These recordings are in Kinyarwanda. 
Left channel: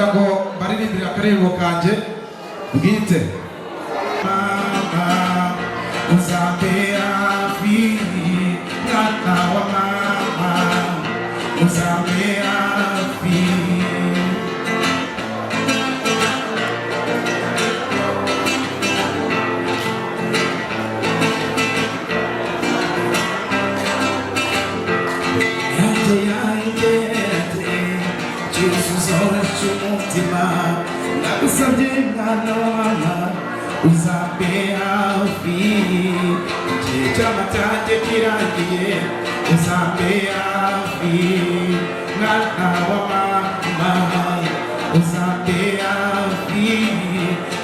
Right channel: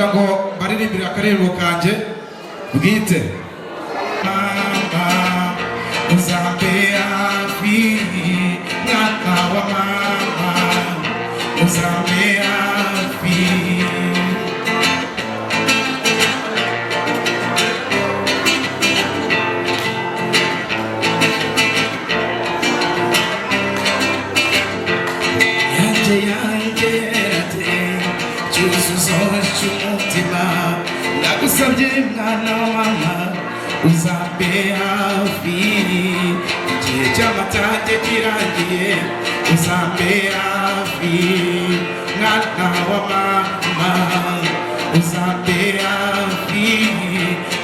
kugira ngo baririmbire akarembo kanje bwite. Mama uzambe hafi, mwana wa mama uzambe hafi. Yagusabye mwana wa mama uzambe hafi, igihe cy'amatage kirangiye uzambe hafi, mwana wa mama uzambe hafi,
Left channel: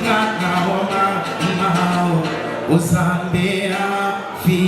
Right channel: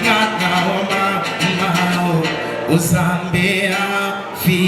mwana wa mama uzambe hafi.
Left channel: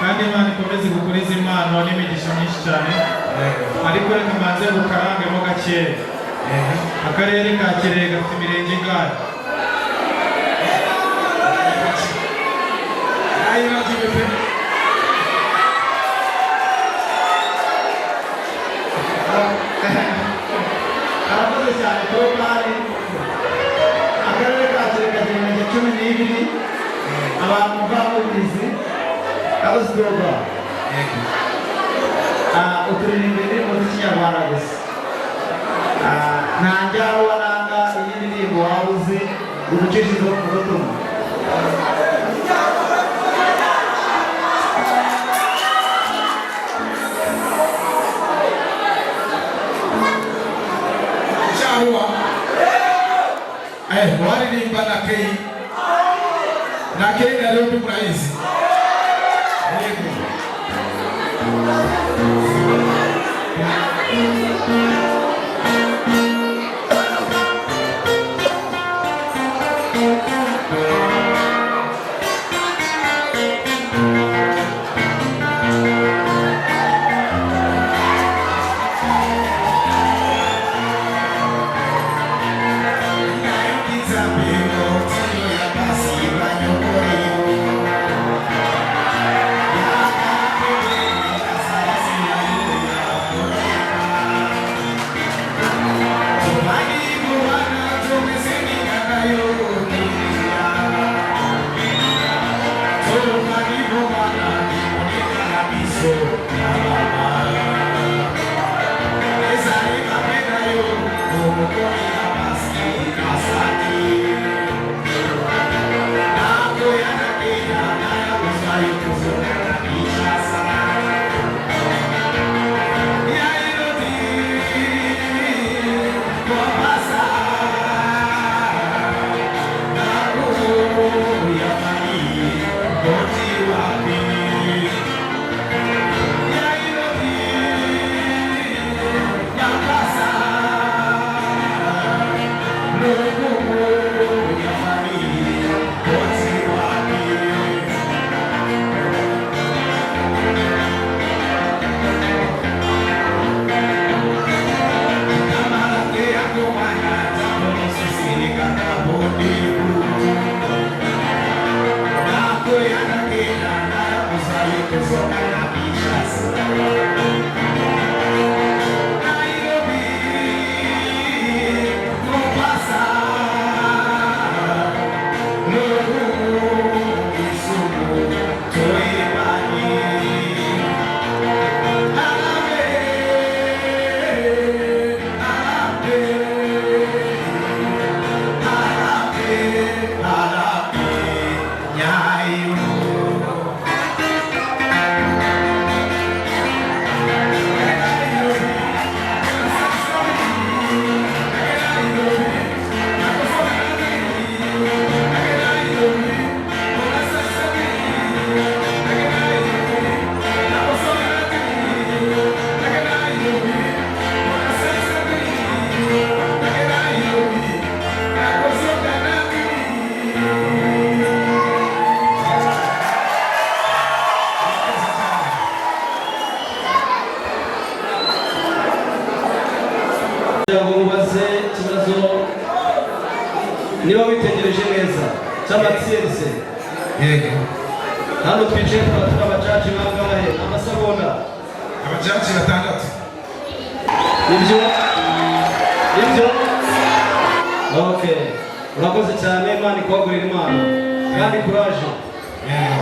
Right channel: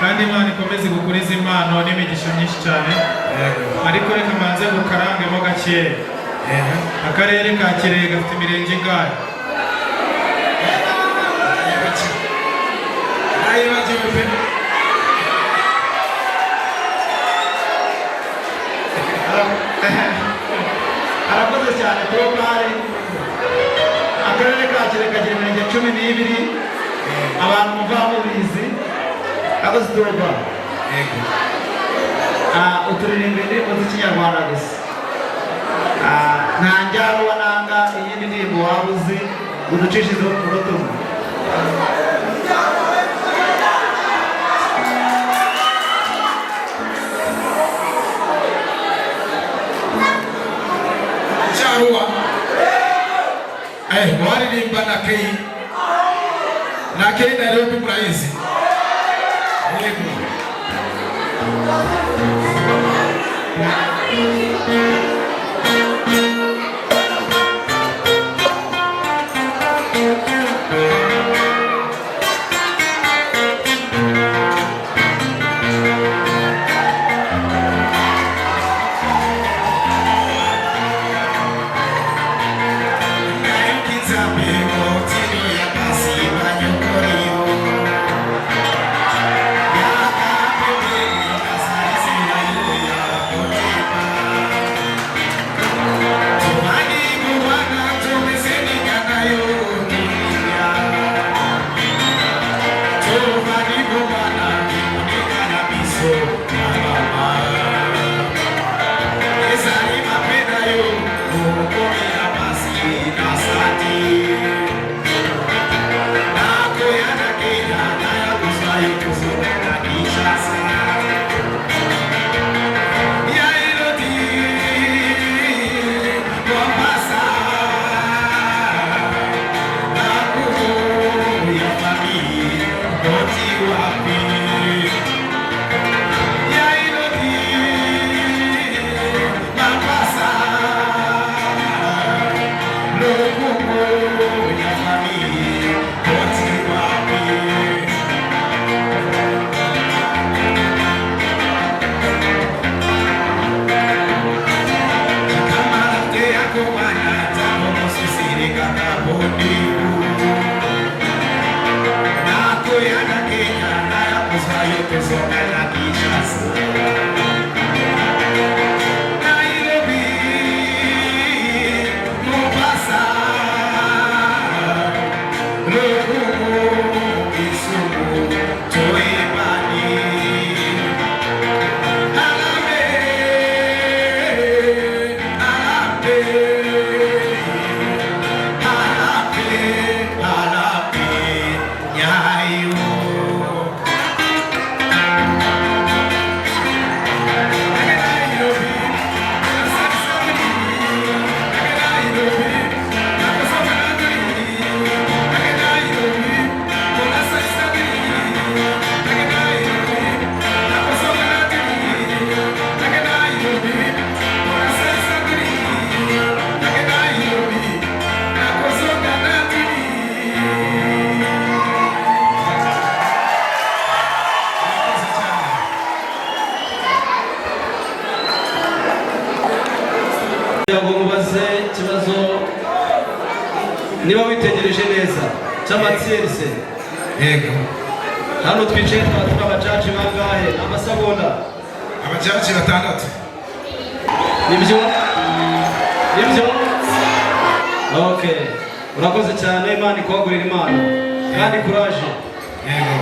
kandi Imana ikomeze gukuriza impano n'imigisha myinshi cyane, ariko reka mbanze gukarangemo gakeya. Akarere ka Kirehe gafite imirenge ingahe? Arakoze cyane kuko kandi akarere ka Kirehe kagira imirenge 12, abantu bamubizi abazdoba uturirimbe indirimbo z'ikinyarwanda gusa, nta njyana wananga iyi ndirimbo waba uzi uducishije ku butumwa. Waririmba na Kei na leo kumraizi. niba witegereje neza cy'amatsinze yego hano twicaye turi abacaci bangahe amasegonda abacaci batandatu ibyo okay urakoze cyane Imana ikwagurira impano kandi courage yego